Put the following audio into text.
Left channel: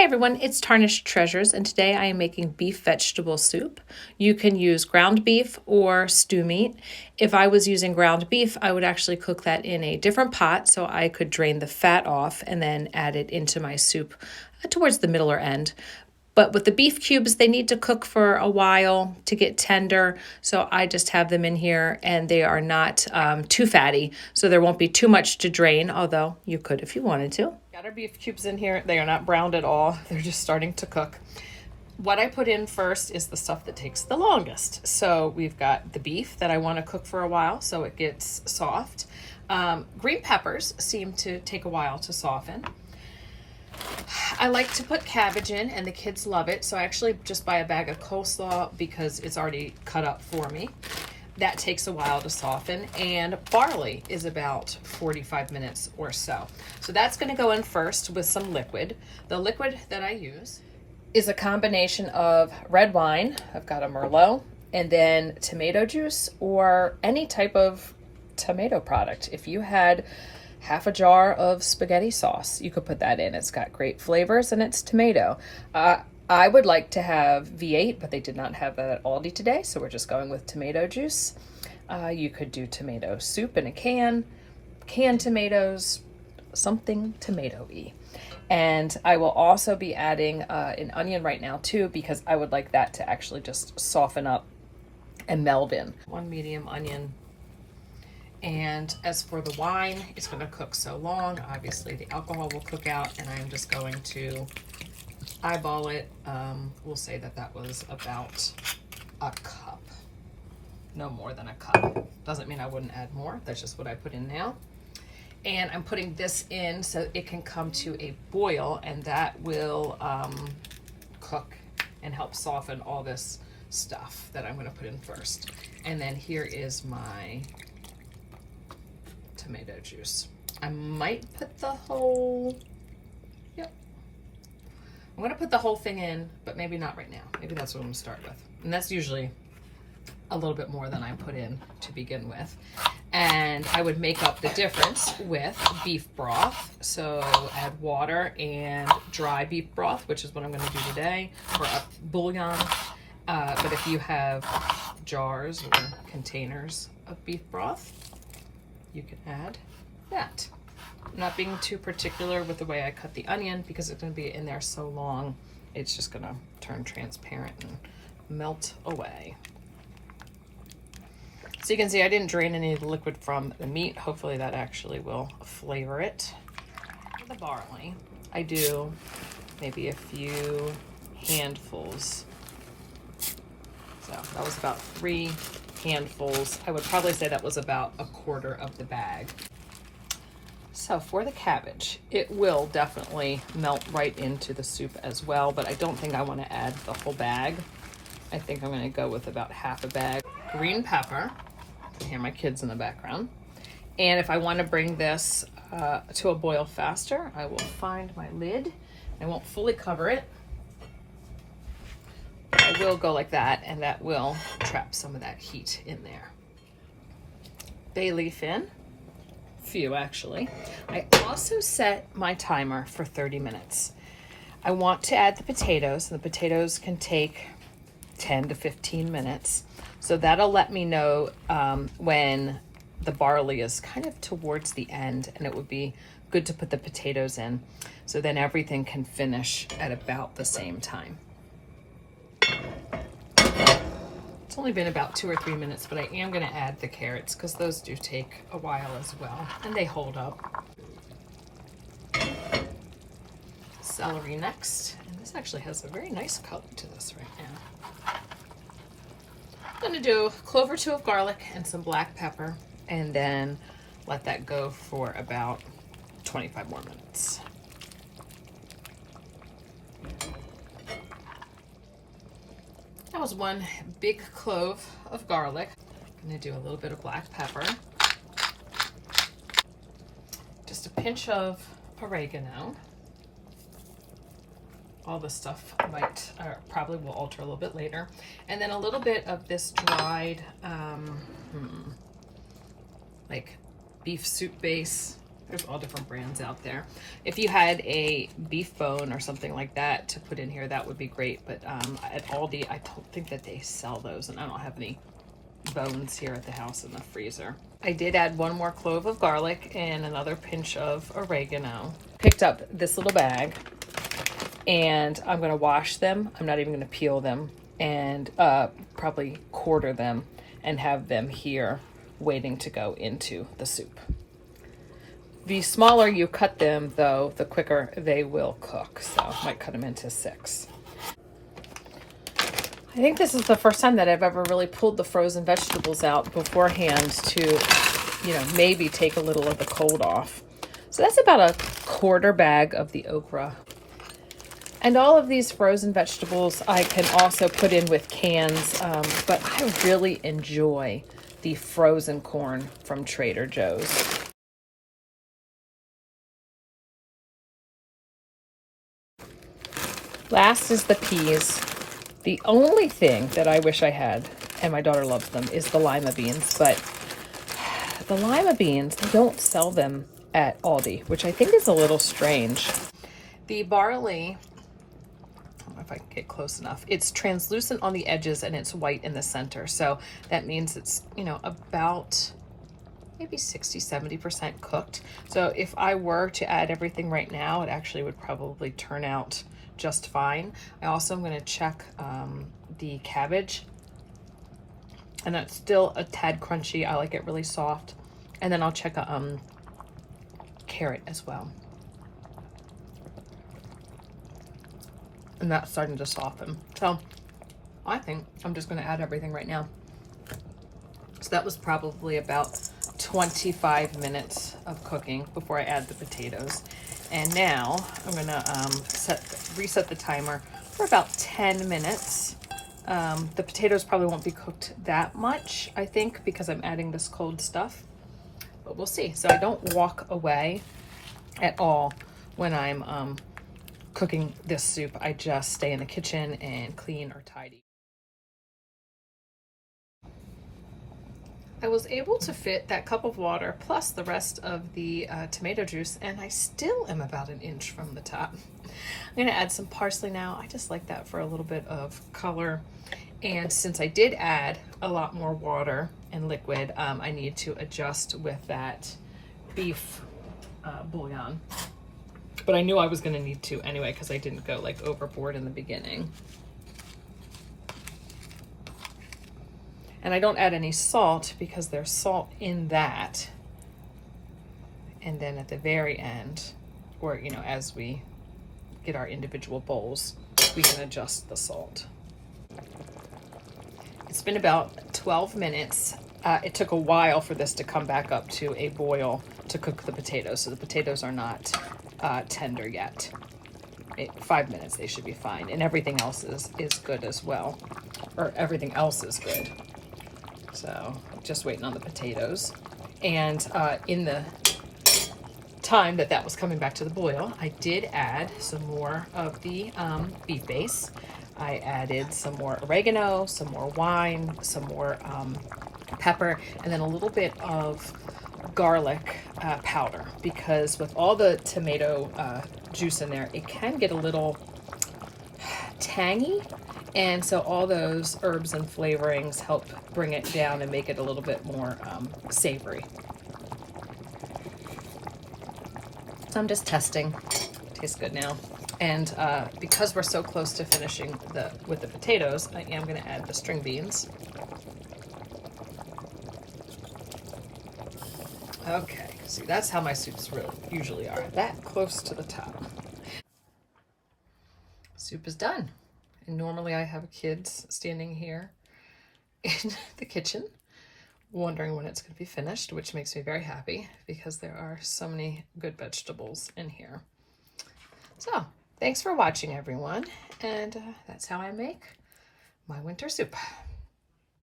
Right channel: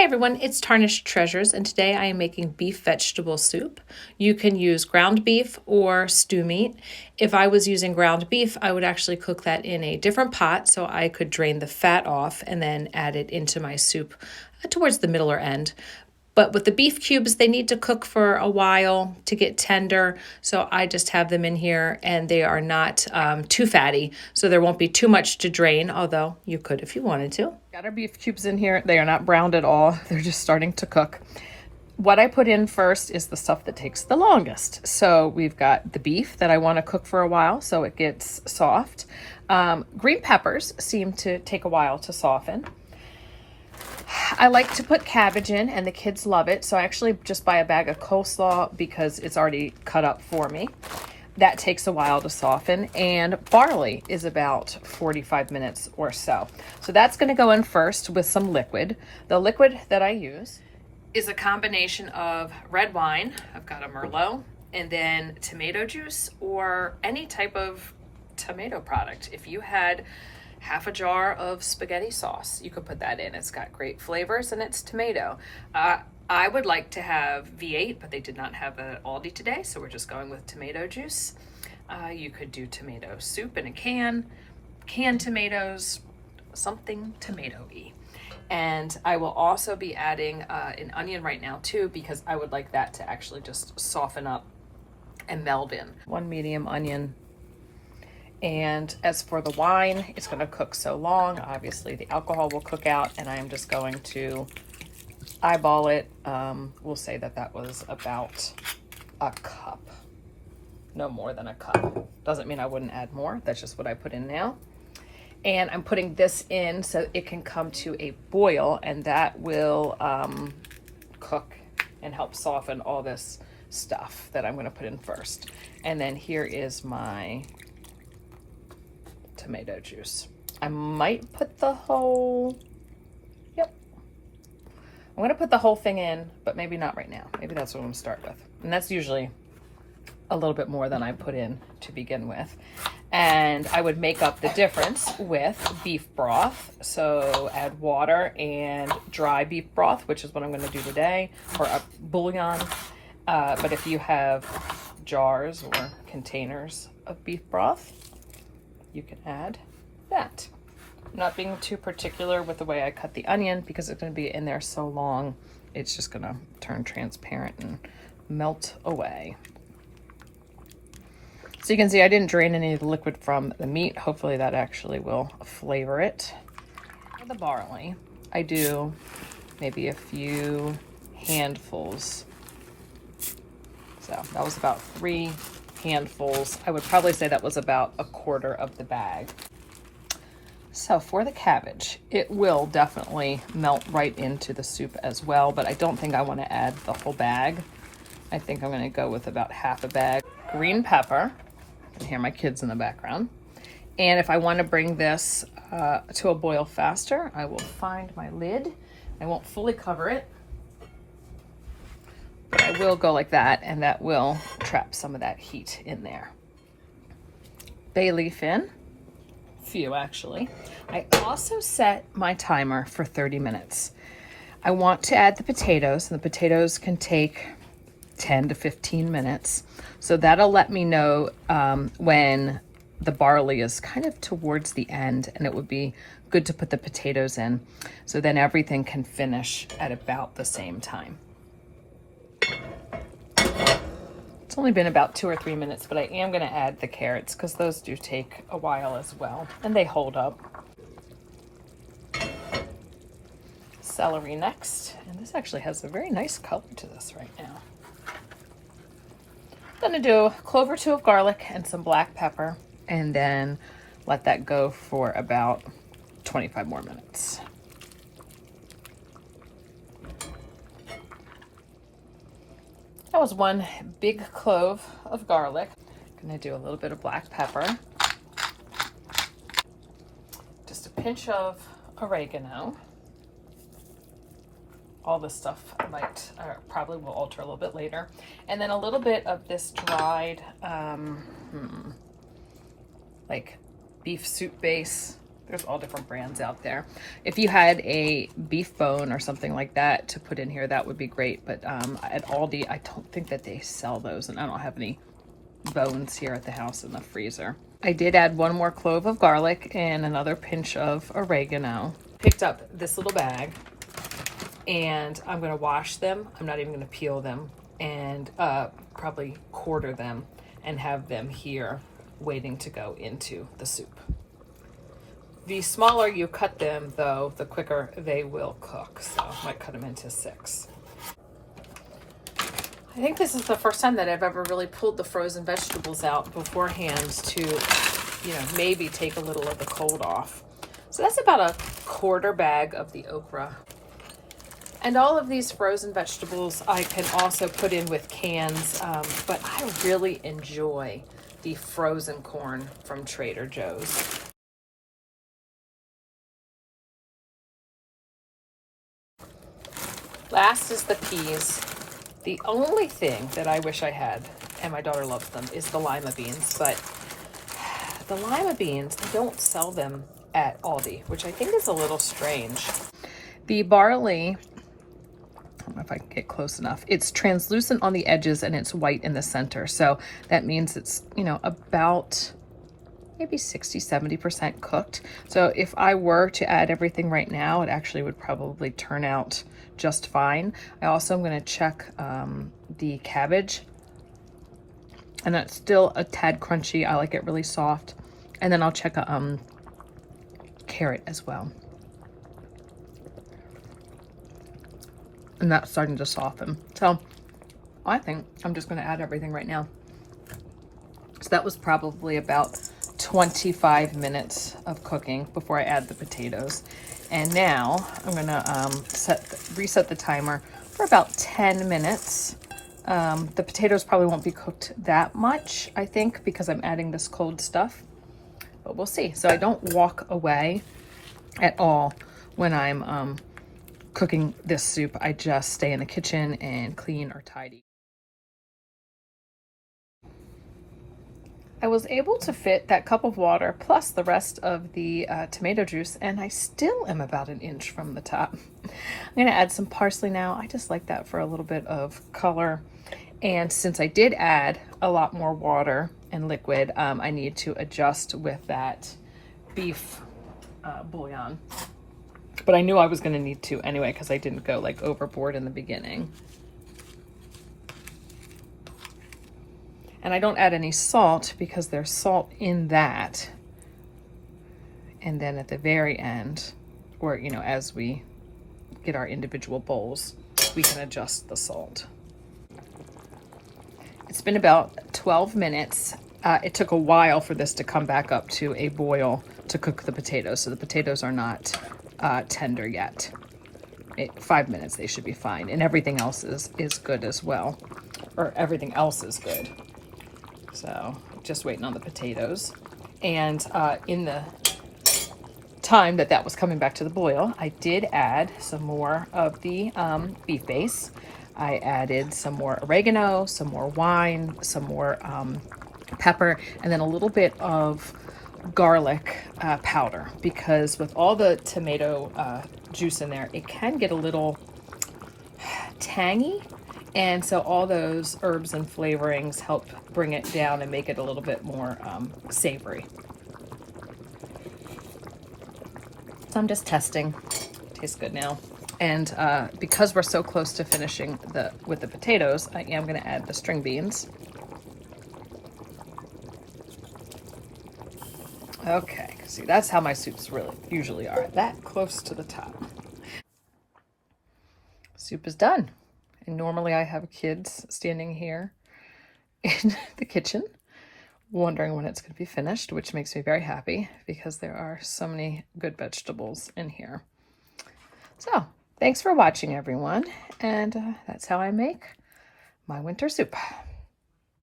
Hi everyone, it's Tarnished Treasures, and today I am making beef vegetable soup. You can use ground beef or stew meat. If I was using ground beef, I would actually cook that in a different pot so I could drain the fat off and then add it into my soup towards the middle or end. But with the beef cubes, they need to cook for a while to get tender. So I just have them in here and they are not too fatty. So there won't be too much to drain, although you could if you wanted to. Got our beef cubes in here. They are not browned at all. They're just starting to cook. What I put in first is the stuff that takes the longest. So we've got the beef that I want to cook for a while so it gets soft. Green peppers seem to take a while to soften. I like to put cabbage in and the kids love it. So I actually just buy a bag of coleslaw because it's already cut up for me. That takes a while to soften, and barley is about 45 minutes or so. So that's going to go in first with some liquid. The liquid that I use is a combination of red wine, I've got a Merlot, and then tomato juice or any type of tomato product. If you had half a jar of spaghetti sauce, you could put that in. It's got great flavors and it's tomato. I would like to have V8, but they did not have that at Aldi today, so we're just going with tomato juice. You could do tomato soup in a can, canned tomatoes, something tomato-y. And I will also be adding an onion right now too, because I would like that to actually just soften up and meld in. One medium onion. And as for the wine, it's going to cook so long. Obviously the alcohol will cook out, and I'm just going to eyeball it. We'll say that that was about a cup, no more than a cup. Doesn't mean I wouldn't add more. That's just what I put in now. And I'm putting this in so it can come to a boil, and that will cook and help soften all this stuff that I'm going to put in first. And then here is my tomato juice. I might put the whole, yep, I'm going to put the whole thing in, but maybe not right now. Maybe that's what I'm going to start with. And that's usually a little bit more than I put in to begin with. And I would make up the difference with beef broth. So add water and dry beef broth, which is what I'm going to do today, or a bouillon. But if you have jars or containers of beef broth, you can add that. I'm not being too particular with the way I cut the onion because it's going to be in there so long, it's just going to turn transparent and melt away. So you can see I didn't drain any of the liquid from the meat. Hopefully that actually will flavor it. The barley, I do maybe a few handfuls. So that was about 3 handfuls. I would probably say that was about a quarter of the bag. So for the cabbage, it will definitely melt right into the soup as well, but I don't think I want to add the whole bag. I think I'm going to go with about half a bag. Green pepper. You can hear my kids in the background. And if I want to bring this to a boil faster, I will find my lid. I won't fully cover it. I will go like that, and that will trap some of that heat in there. Bay leaf in. Few actually. I also set my timer for 30 minutes. I want to add the potatoes, and the potatoes can take 10 to 15 minutes. So that'll let me know when the barley is kind of towards the end, and it would be good to put the potatoes in. So then everything can finish at about the same time. It's only been about 2 or 3 minutes, but I am going to add the carrots because those do take a while as well, and they hold up. Celery next, and this actually has a very nice color to this right now. I'm going to do a clove or 2 of garlic and some black pepper, and then let that go for about 25 more minutes. That was 1 big clove of garlic. I'm going to do a little bit of black pepper. Just a pinch of oregano. All this stuff might, or probably will alter a little bit later. And then a little bit of this dried, like beef soup base There's all different brands out there. If you had a beef bone or something like that to put in here, that would be great. But at Aldi, I don't think that they sell those, and I don't have any bones here at the house in the freezer. I did add 1 more clove of garlic and another pinch of oregano. Picked up this little bag, and I'm gonna wash them. I'm not even gonna peel them, and probably quarter them and have them here waiting to go into the soup. The smaller you cut them, though, the quicker they will cook. So I might cut them into 6. I think this is the first time that I've ever really pulled the frozen vegetables out beforehand to, you know, maybe take a little of the cold off. So that's about a 1/4 bag of the okra. And all of these frozen vegetables I can also put in with cans, but I really enjoy the frozen corn from Trader Joe's. Last is the peas. The only thing that I wish I had, and my daughter loves them, is the lima beans, but the lima beans, don't sell them at Aldi, which I think is a little strange. The barley, I don't know if I can get close enough, it's translucent on the edges and it's white in the center. So that means it's, you know, about maybe 60–70% cooked. So if I were to add everything right now, it actually would probably turn out just fine. I also am going to check the cabbage, and it's still a tad crunchy. I like it really soft. And then I'll check a carrot as well. And that's starting to soften. So I think I'm just going to add everything right now. So that was probably about 25 minutes of cooking before I add the potatoes. And now I'm gonna reset the timer for about 10 minutes. The potatoes probably won't be cooked that much, I think, because I'm adding this cold stuff, but we'll see. So I don't walk away at all when I'm cooking this soup. I just stay in the kitchen and clean or tidy. I was able to fit that cup of water plus the rest of the tomato juice, and I still am about 1 inch from the top. I'm gonna add some parsley now. I just like that for a little bit of color. And since I did add a lot more water and liquid, I need to adjust with that beef bouillon. But I knew I was gonna need to anyway, because I didn't go like overboard in the beginning. And I don't add any salt because there's salt in that. And then at the very end, or, you know, as we get our individual bowls, we can adjust the salt. It's been about 12 minutes. It took a while for this to come back up to a boil to cook the potatoes. So the potatoes are not tender yet. 5 minutes, they should be fine. And everything else is good as well. Or everything else is good. So just waiting on the potatoes. And in the time that was coming back to the boil, I did add some more of the beef base. I added some more oregano, some more wine, some more pepper, and then a little bit of garlic powder, because with all the tomato juice in there, it can get a little tangy. And so all those herbs and flavorings help bring it down and make it a little bit more savory. So I'm just testing. Tastes good now. And because we're so close to finishing with the potatoes, I am going to add the string beans. Okay, see, that's how my soups really usually are, that close to the top. Soup is done. And normally I have kids standing here in the kitchen wondering when it's going to be finished, which makes me very happy because there are so many good vegetables in here. So thanks for watching, everyone. And that's how I make my winter soup.